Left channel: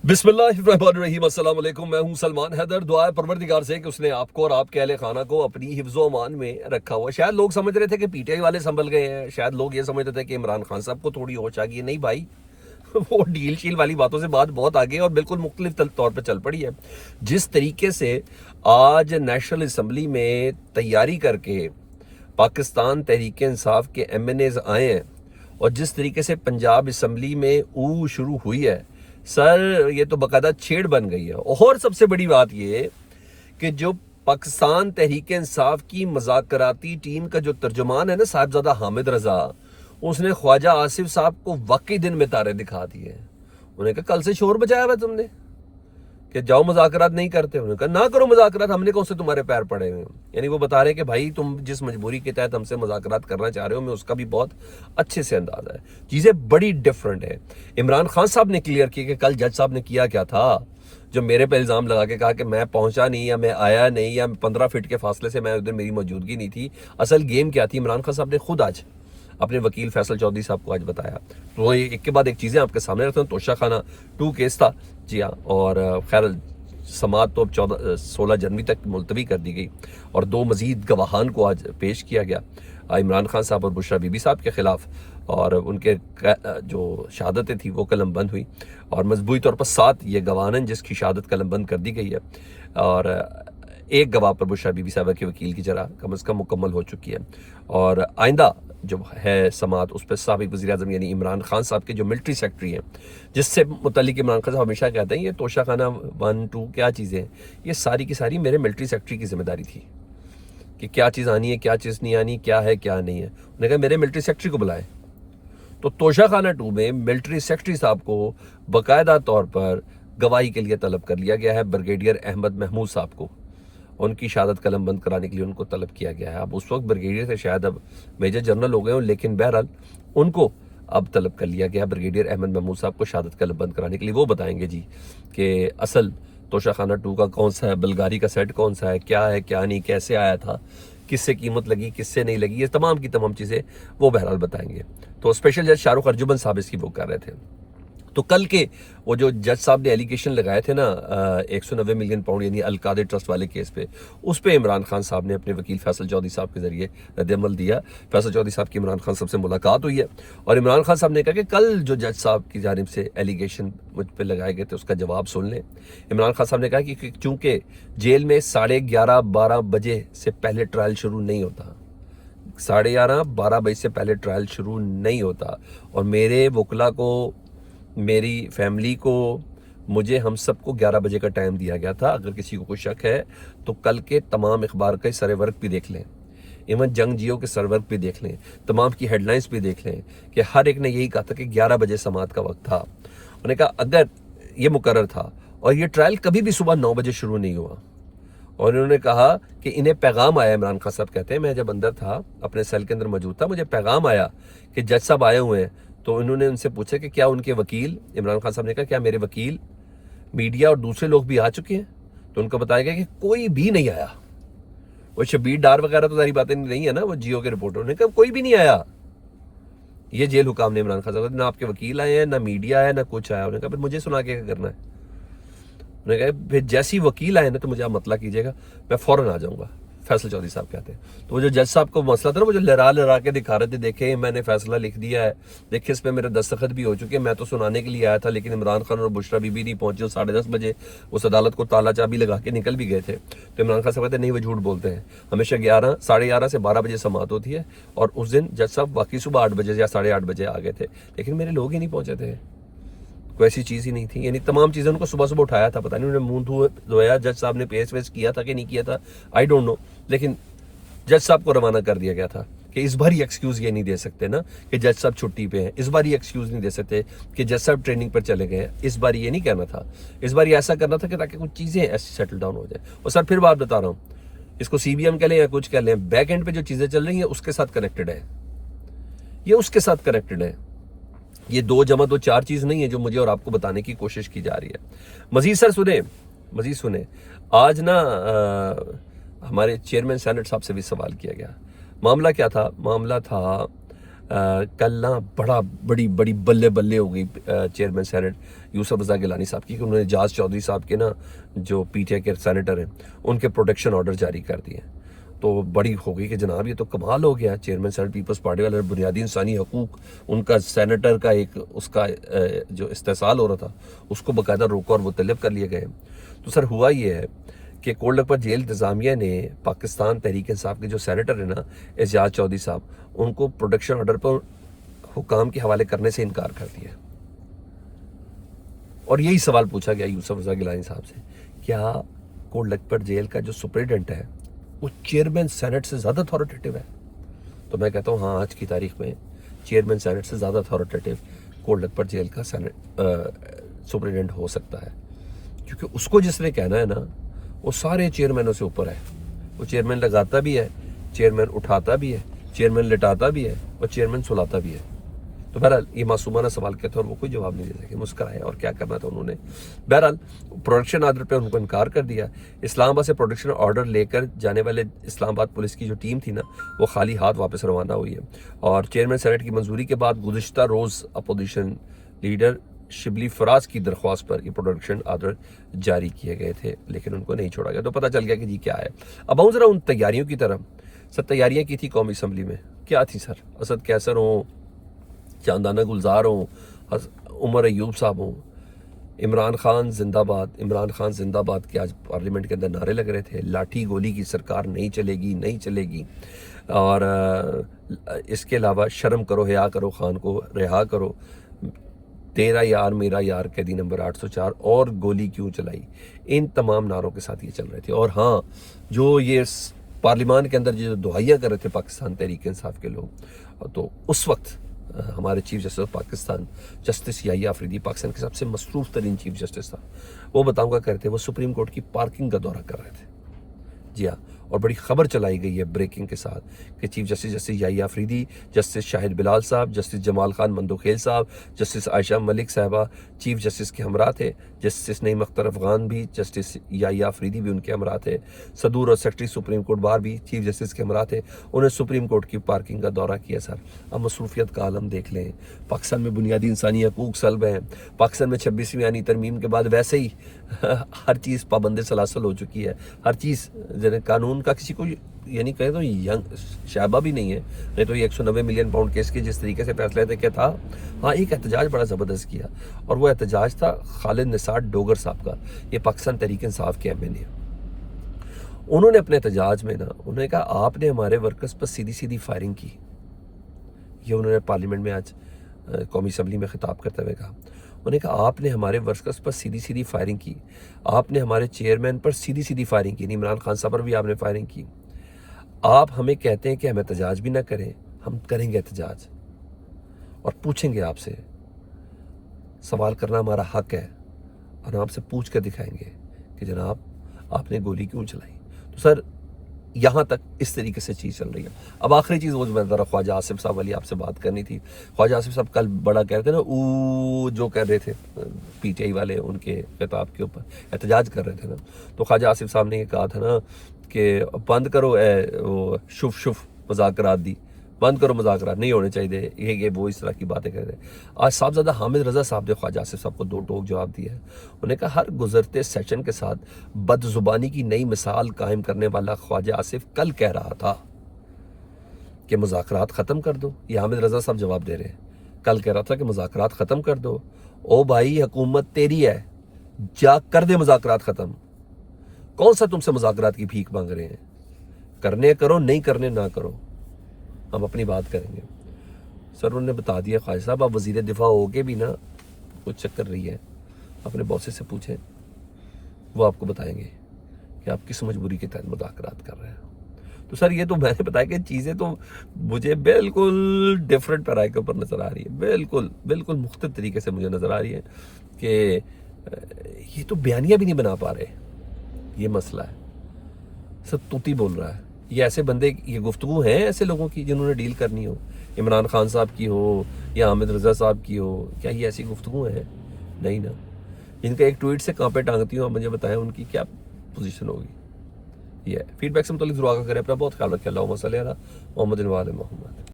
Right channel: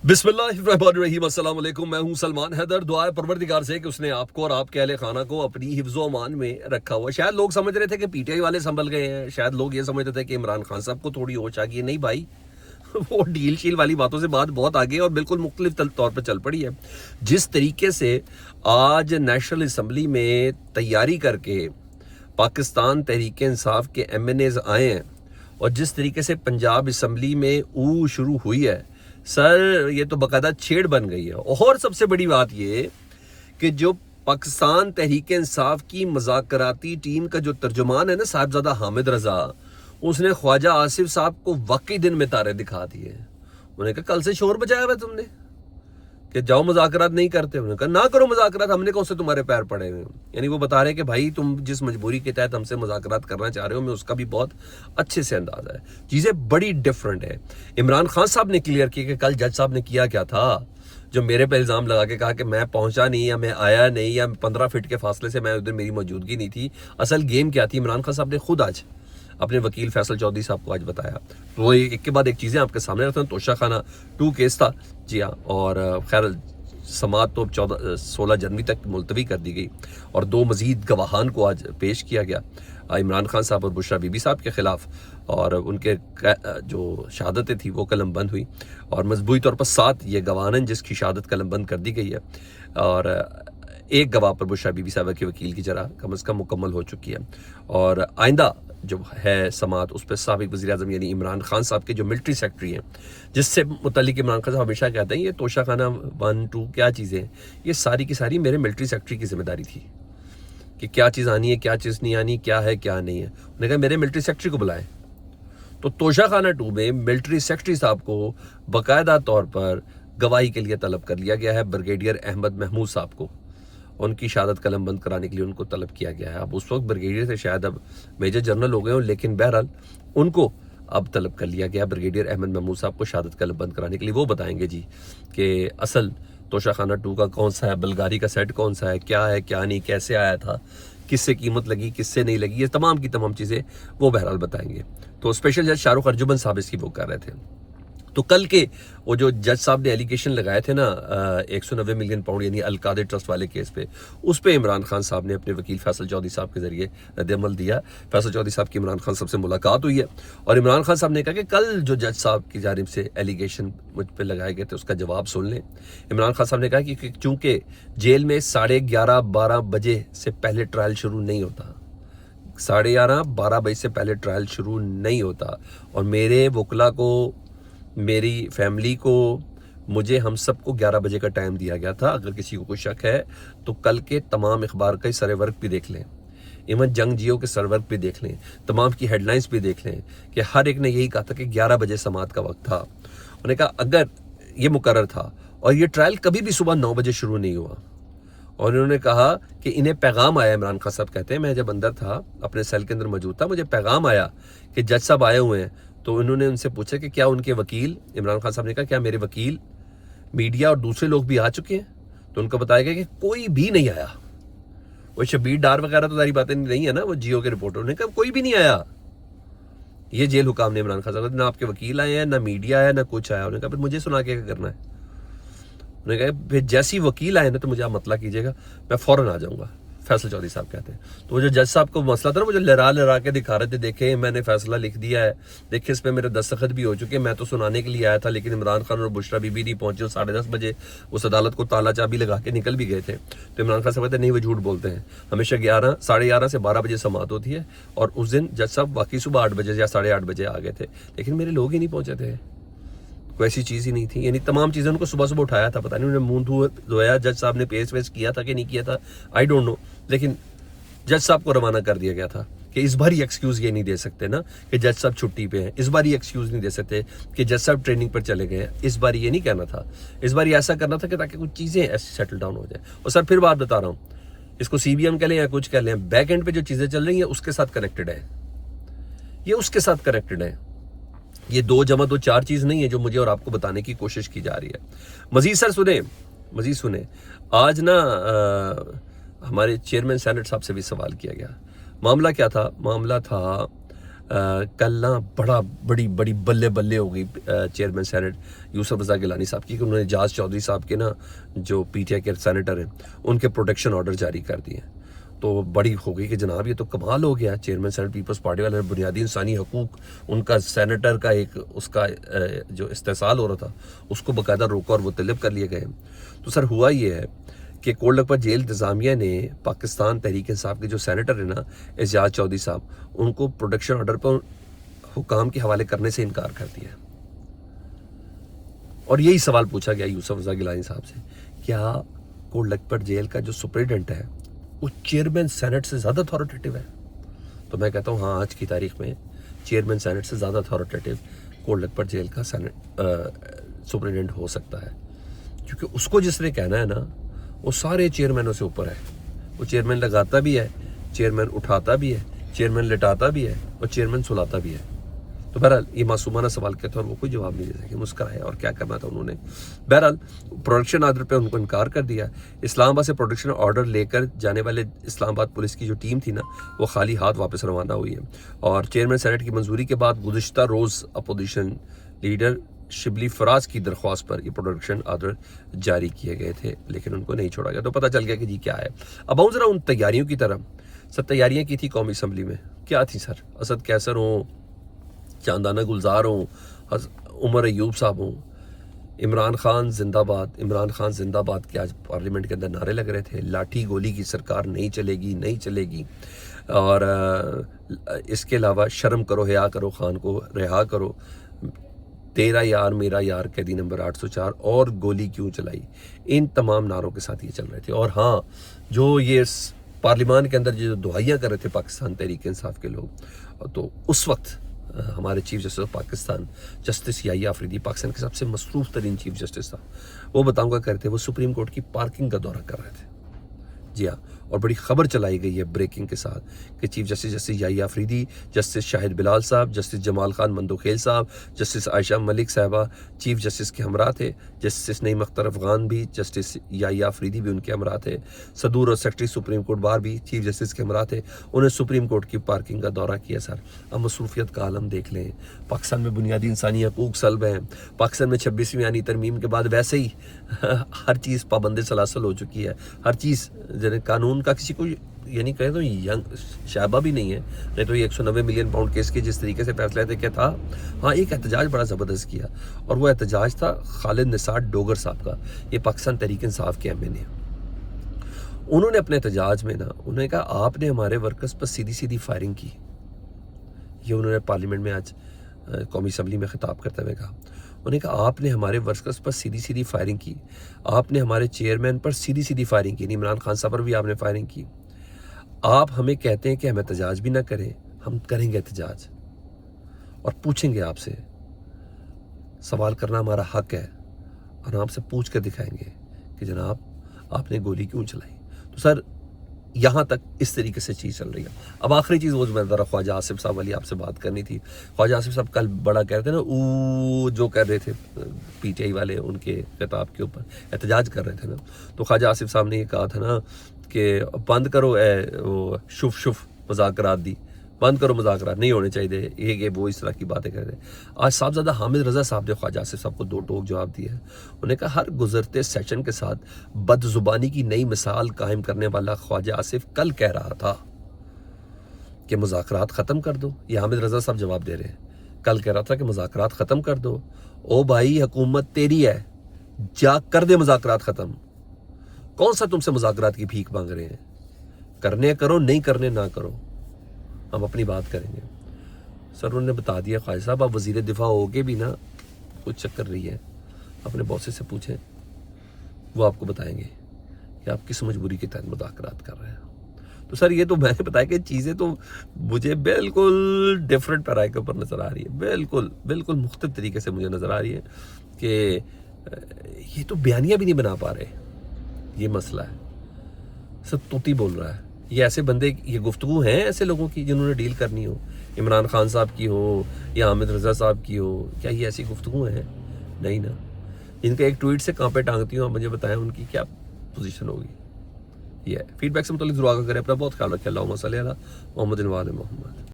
बिस्मिल्लाहिर्रहमानिर्रहीम। अस्सलाम वालेकुम। मैं हूं सलमान हैदर। दुआ है परवरदिगार से कि उसने आपको और आपके अहले खाना को अपनी हिफ्ज़ व अमान में रखा हुआ। शायद लोग समझ रहे थे कि पीटीआई वाले संभल गए हैं, शायद लोग ये समझ रहे थे कि इमरान खान साहब को थोड़ी होश आ गई है। नहीं भाई, वो डील शील वाली बातों से बात बहुत आगे और बिल्कुल मुख्तलिफ तौर पर चल पड़ी है। जिस तरीके से आज नेशनल असम्बली में तैयारी करके पाकिस्तान तहरीक इंसाफ के MNAs आए हैं और जिस तरीके से पंजाब असम्बली में शुरू हुई है, सर ये तो बाकायदा छेड़ बन गई है। और सबसे बड़ी बात ये कि जो पाकिस्तान तहरीक इंसाफ की मज़ाकराती टीम का जो तर्जुमान है ना, साहिबजादा हामिद रजा, उसने ख्वाजा आसिफ साहब को वाकई दिन में तारे दिखा दिए। उन्होंने कहा कल से शोर बचाया हुआ तुमने कि जाओ मुज़ाकरात नहीं करते। उन्होंने कहा ना करो मुज़ाकरात, हमने कौन से तुम्हारे पैर पड़े हुए हैं। यानी वो बता रहे हैं कि भाई तुम जिस मजबूरी के तहत हमसे मुज़ाकरात करना चाह रहे हो, मैं उसका भी बहुत अच्छे से अंदाज़ा है। चीज़ें बड़ी डिफरेंट है। इमरान खान साहब ने क्लियर किया कि कल जज साहब ने किया क्या था, जो मेरे पे इल्ज़ाम लगा के कहा कि मैं पहुंचा नहीं या मैं आया नहीं या 15 फीट के फासले से मैं उधर मेरी मौजूदगी नहीं थी। असल गेम क्या थी, इमरान खान साहब ने खुद आज अपने वकील फैसल चौधरी साहब को आज बताया। तो वो एक के बाद एक चीज़ें आपके सामने रखते हैं। तोशा खाना 2 केस था जी हाँ, और खैर समात तो अब 16 जनवरी तक मुलतवी कर दी गई और 2 मजीद गवाहान को आज पेश किया गया, इमरान खान साहब और बुशरा बीबी साहब के ख़िलाफ़, और उनके जो शहादतें थी वो कलम बंद हुई और मजबूती तौर पर 7 ये गवाहान जिसकी शहादत कलम बंद कर दी गई है और एक गवाह पर बुशरा बीबी साहब के वकील की जरा कम अज़ कम मुकम्मल हो चुकी है। और आइंदा जो है समात, उस पर साबिक़ वज़ीर-ए-आज़म यानी इमरान खान साहब के जो मिलिट्री सेक्रेटरी हैं, जिससे मुतल्लिक इमरान खान साहब हमेशा कहते हैं ये तोशा खाना 1, 2 क्या चीज़ें हैं, ये सारी की सारी मेरे मिलिट्री सेक्रेटरी की जिम्मेदारी थी कि क्या चीज़ आनी है, क्या चीज़ नहीं आनी, क्या है क्या नहीं है। उन्होंने कहा मेरे मिलिट्री सेक्रेटरी को बुलाएं। तो तोशा खाना 2 में मिलिट्री सेक्रेटरी साहब को बाकायदा तौर पर गवाही के लिए तलब कर लिया गया है। ब्रिगेडियर अहमद महमूद साहब को उनकी शहादत कलम बंद कराने के लिए उनको तलब किया गया है। अब उस वक्त ब्रिगेडियर थे, शायद अब मेजर जनरल हो गए हों, लेकिन बहरहाल उनको अब तलब कर लिया गया ब्रिगेडियर अहमद महमूद साहब को शहादत कलम बंद कराने के लिए। वो बताएंगे जी कि असल तोशा खाना 2 का कौन सा है, बलगारी का सेट कौन सा है, क्या नहीं, कैसे आया था, किससे कीमत लगी, किससे नहीं लगी, ये तमाम की तमाम चीज़ें वो बहरहाल बताएंगे। तो स्पेशल जज शाहरुख अर्जुमन साहब इसकी वो कर रहे थे। तो कल के वो जो जज साहब ने एलिगेशन लगाए थे ना 190 मिलियन पाउंड यानी अलकादर ट्रस्ट वाले केस पे, उस पे इमरान खान साहब ने अपने वकील फैसल चौधरी साहब के जरिए रद्द-ए-अमल दिया। फैसल चौधरी साहब की इमरान खान साहब से मुलाकात हुई है और इमरान खान साहब ने कहा कि कल जो जज साहब की जानिब से एलिगेशन मुझ पर लगाए गए थे उसका जवाब सुन लें। इमरान खान साहब ने कहा कि चूँकि जेल में 11:30-12 बजे से पहले ट्रायल शुरू नहीं होता, 11:30-12 बजे से पहले ट्रायल शुरू नहीं होता, और मेरे वकला को, मेरी फैमिली को, मुझे, हम सबको 11 बजे का टाइम दिया गया था। अगर किसी को कोई शक है तो कल के तमाम अखबार के सरवर्क भी देख लें, इवन जंग जियो के सरवर्क भी देख लें, तमाम की हेडलाइंस भी देख लें कि हर एक ने यही कहा था कि 11 बजे समात का वक्त था। उन्होंने कहा अगर ये मुकर्रर था और ये ट्रायल कभी भी सुबह 9 बजे शुरू नहीं हुआ, और इन्होंने कहा कि इन्हें पैगाम आया। इमरान खान साहब कहते हैं मैं जब अंदर था, अपने सेल के अंदर मौजूद था, मुझे पैगाम आया कि जज साहब आए हुए हैं। तो इन्होंने उनसे पूछा कि क्या उनके वकील, इमरान खान साहब ने कहा क्या मेरे वकील, मीडिया और दूसरे लोग भी आ चुके हैं? तो उनको बताया गया कि कोई भी नहीं आया। वो शबीर डार वगैरह तो सारी बातें नहीं है ना, वो जियो के रिपोर्टर ने कहा कोई भी नहीं आया। ये जेल हुकाम ने इमरान खान साहब, ना आपके वकील आए हैं, ना मीडिया है, ना कुछ आया। उन्होंने कहा फिर मुझे सुना के क्या करना है? उन्होंने कहा फिर जैसी वकील आए ना तो मुझे आप मतला कीजिएगा, मैं फौरन आ जाऊंगा। फैसल चौधरी साहब कहते हैं। तो वो जो जज साहब को मसला था ना, वो जो लहरा के दिखा रहे थे, देखे मैंने फैसला लिख दिया है, देखे इस पे मेरे दस्तखत भी हो चुके हैं, मैं तो सुनाने के लिए आया था, लेकिन इमरान खान और बुशरा बीबी नहीं पहुंचे। 10:30 बजे उस अदालत को ताला चाबी लगा के निकल भी गए थे। तो इमरान खान साहब कहते हैं नहीं, वो झूठ बोलते हैं, हमेशा 11, 11:30 से 12 बजे समात होती है, और उस दिन जज साहब वाकई सुबह 8 बजे या 8:30 बजे आ गए थे, लेकिन मेरे लोग ही नहीं पहुंचे थे, कोई ऐसी चीज़ ही नहीं थी। यानी तमाम चीज़ें उनको सुबह सुबह उठाया था, पता नहीं उन्होंने मुंह धोया, जज साहब ने पेश वेश किया था कि नहीं किया था, आई डोंट नो, लेकिन जज साहब को रवाना कर दिया गया था कि इस बार ही एक्सक्यूज़ ये नहीं दे सकते ना कि जज साहब छुट्टी पे हैं, इस बार ही एक्सक्यूज़ नहीं दे सकते कि जज साहब ट्रेनिंग पर चले गए हैं, इस बार ये नहीं कहना था, इस बार ये ऐसा करना था कि ताकि कुछ चीज़ें ऐसी सेटल डाउन हो जाए। और सर फिर बात बता रहा हूँ, इसको CBM कह लें या कुछ कह लें, बैक एंड पे जो चीज़ें चल रही हैं उसके साथ कनेक्टेड है, ये उसके साथ कनेक्टेड है। ये 2 + 2 4 चीज़ नहीं है जो मुझे और आपको बताने की कोशिश की जा रही है। मजीद सर सुने, आज ना हमारे चेयरमैन सेनेट साहब से भी सवाल किया गया। मामला क्या था? मामला था کل نا بڑی بلے بلے ہو گئی چیئرمین سینٹ یوسف رضا گیلانی صاحب کی کہ انہوں نے اعجاز چودھری صاحب کے نا جو پی ٹی آئی کے سینیٹر ہیں ان کے پروٹیکشن آرڈر جاری کر دیے. تو بڑی ہو گئی کہ جناب یہ تو کمال ہو گیا. چیئرمین سینٹ پیپلز پارٹی والے بنیادی انسانی حقوق ان کا سینیٹر کا ایک اس کا جو استحصال ہو رہا تھا اس کو باقاعدہ روکا اور وہ طلب کر لیے گئے. تو سر ہوا یہ ہے کہ کولڈ لکھپت جیل انتظامیہ نے پاکستان تحریک انصاف کے جو سینیٹر ہیں نا اعجاز چودھری صاحب ان کو پروٹیکشن آرڈر پر حکام کے حوالے کرنے سے انکار کر دیا. اور یہی سوال پوچھا گیا یوسف رضا گیلانی صاحب سے, کیا کولڈ لکھپت جیل کا جو سپرنٹینڈنٹ ہے وہ چیئرمین سینٹ سے زیادہ اتھارٹیٹیو ہے؟ تو میں کہتا ہوں ہاں, آج کی تاریخ میں چیئرمین سینٹ سے زیادہ اتھارٹیٹیو کولڈ لکھپت جیل کا سپرنٹینڈنٹ ہو سکتا ہے, کیونکہ اس کو جس نے کہنا ہے نا وہ سارے چیئرمینوں سے اوپر ہے. وہ چیئرمین لگاتا بھی ہے, چیئرمین اٹھاتا بھی ہے, چیئرمین لٹاتا بھی ہے اور چیئرمین سلاتا بھی ہے. تو بہرحال یہ معصومانہ سوال کیا تھا اور وہ کوئی جواب نہیں دے سکے, مسکرائے اور کیا کرنا تھا انہوں نے. بہرحال پروڈکشن آرڈر پہ ان کو انکار کر دیا. اسلام آباد سے پروڈکشن آرڈر لے کر جانے والے اسلام آباد پولیس کی جو ٹیم تھی نا وہ خالی ہاتھ واپس روانہ ہوئی ہے. اور چیئرمین سینٹ کی منظوری کے بعد گزشتہ روز اپوزیشن لیڈر شبلی فراز کی درخواست پر یہ پروڈکشن آرڈر جاری کیے گئے تھے, لیکن ان کو نہیں چھوڑا گیا. تو پتہ چل گیا کہ جی کیا ہے. اب آؤں ذرا ان تیاریوں کی طرف. سر تیاریاں کی تھی قومی اسمبلی میں, کیا تھی سر؟ اسد کیسر ہوں, چاندانہ گلزار ہوں, عمر ایوب صاحب ہوں, عمران خان زندہ باد, عمران خان زندہ باد کے آج پارلیمنٹ کے اندر نعرے لگ رہے تھے. لاٹھی گولی کی سرکار نہیں چلے گی. اور اس کے علاوہ شرم کرو, حیا کرو, خان کو رہا کرو, تیرا یار میرا یار, قیدی نمبر 804, اور گولی کیوں چلائی. ان تمام نعروں کے ساتھ یہ چل رہے تھے. اور ہاں, جو یہ پارلیمان کے اندر جو دعائیاں کر رہے تھے پاکستان تحریک انصاف کے لوگ, تو اس وقت ہمارے chief justice of Pakistan justice Yahya Afridi, Pakistan کے سب سے مصروف ترین چیف جسٹس تھا, وہ بتاؤں گا کرتے وہ سپریم کورٹ کی پارکنگ کا دورہ کر رہے تھے. جی ہاں, اور بڑی خبر چلائی گئی ہے بریکنگ کے ساتھ کہ chief justice Yahya Afridi, justice شاہد بلال صاحب, جسٹس جمال خان مندوخیل صاحب, جسٹس عائشہ ملک صاحبہ چیف جسٹس کے ہمراہ تھے. جسٹس نعیم اختر افغان بھی, جسٹس یحییٰ آفریدی بھی ان کے ہمراہ تھے. صدور اور سیکرٹری سپریم کورٹ بار بھی چیف جسٹس کے ہمراہ تھے. انہوں نے سپریم کورٹ کی پارکنگ کا دورہ کیا. سر اب مصروفیت کا عالم دیکھ لیں. پاکستان میں بنیادی انسانی حقوق سلب ہیں. پاکستان میں 26ویں آئینی ترمیم کے بعد ویسے ہی ہر چیز پابند سلاسل ہو چکی ہے. ہر چیز قانون کا کسی کو یعنی کہے تو ینگ شائبہ بھی نہیں ہے, نہیں تو یہ 190 ملین پاؤنڈ کیس کے جس طریقے سے فیصلہ تھے کیا تھا. ہاں, ایک احتجاج بڑا زبردست کیا, اور وہ احتجاج تھا خالد نثار ڈوگر صاحب کا. یہ پاکستان تحریک انصاف کے ایم این اے. انہوں نے اپنے احتجاج میں نا انہوں نے کہا آپ نے ہمارے ورکرز پر سیدھی فائرنگ کی. یہ انہوں نے پارلیمنٹ میں آج قومی اسمبلی میں خطاب کرتے ہوئے کہا. انہوں نے کہا آپ نے ہمارے ورکرز پر سیدھی فائرنگ کی, آپ نے ہمارے چیئرمین پر سیدھی فائرنگ کی, عمران خان صاحب پر بھی آپ نے فائرنگ کی. آپ ہمیں کہتے ہیں کہ ہم احتجاج بھی نہ کریں, ہم کریں گے احتجاج اور پوچھیں گے آپ سے. سوال کرنا ہمارا حق ہے, اور آپ سے پوچھ کر دکھائیں گے کہ جناب آپ نے گولی کیوں چلائی. تو سر یہاں تک اس طریقے سے چیز چل رہی ہے. اب آخری چیز وہ جو ذرا خواجہ آصف صاحب والی آپ سے بات کرنی تھی. خواجہ آصف صاحب کل بڑا کہہ رہے تھے نا, جو کہہ رہے تھے پی ٹی آئی والے ان کے خطاب کے اوپر احتجاج کر رہے تھے نا, تو خواجہ آصف صاحب نے یہ کہا تھا نا کہ بند کرو وہ شف مذاکرات دی, بند کرو مذاکرات نہیں ہونے چاہیے. یہ وہ اس طرح کی باتیں کر رہے ہیں. آج صاحبزادہ حامد رضا صاحب نے خواجہ آصف صاحب کو 2 ٹوک جواب دیا ہے. انہوں نے کہا ہر گزرتے سیشن کے ساتھ بد زبانی کی نئی مثال قائم کرنے والا خواجہ آصف کل کہہ رہا تھا کہ مذاکرات ختم کر دو. یہ حامد رضا صاحب جواب دے رہے ہیں. کل کہہ رہا تھا کہ مذاکرات ختم کر دو. او بھائی, حکومت تیری ہے, جا کر دے مذاکرات ختم. کون سا تم سے مذاکرات کی بھیک مانگ رہے ہیں؟ کرنے کرو, نہیں کرنے نہ کرو, ہم اپنی بات کریں گے. سر انہوں نے بتا دیا خواجہ صاحب, آپ وزیر دفاع ہو کے بھی نا کچھ چکر رہی ہے, اپنے باسز سے پوچھیں, وہ آپ کو بتائیں گے کہ آپ کس مجبوری کے تحت مذاکرات کر رہے ہیں. تو سر یہ تو میں نے بتایا کہ چیزیں تو مجھے بالکل ڈیفرنٹ پیرائے کے اوپر نظر آ رہی ہے, بالکل مختلف طریقے سے مجھے نظر آ رہی ہے کہ یہ تو بیانیہ بھی نہیں بنا پا رہے. یہ مسئلہ ہے. سر توتی بول رہا ہے. یہ ایسے بندے, یہ گفتگو ہیں ایسے لوگوں کی جنہوں نے ڈیل کرنی ہو, عمران خان صاحب کی ہو یا حامد رضا صاحب کی ہو, کیا یہ ایسی گفتگو ہیں؟ نہیں نا. جن کا ایک ٹویٹ سے کہاں پہ ٹانگتی ہوں, آپ مجھے بتائیں ان کی کیا پوزیشن ہوگی. یہ فیڈ بیک سے متعلق ضرور آگاہ کریں. اپنا بہت خیال رکھیں. اللہم صلی علی محمد و آل محمد.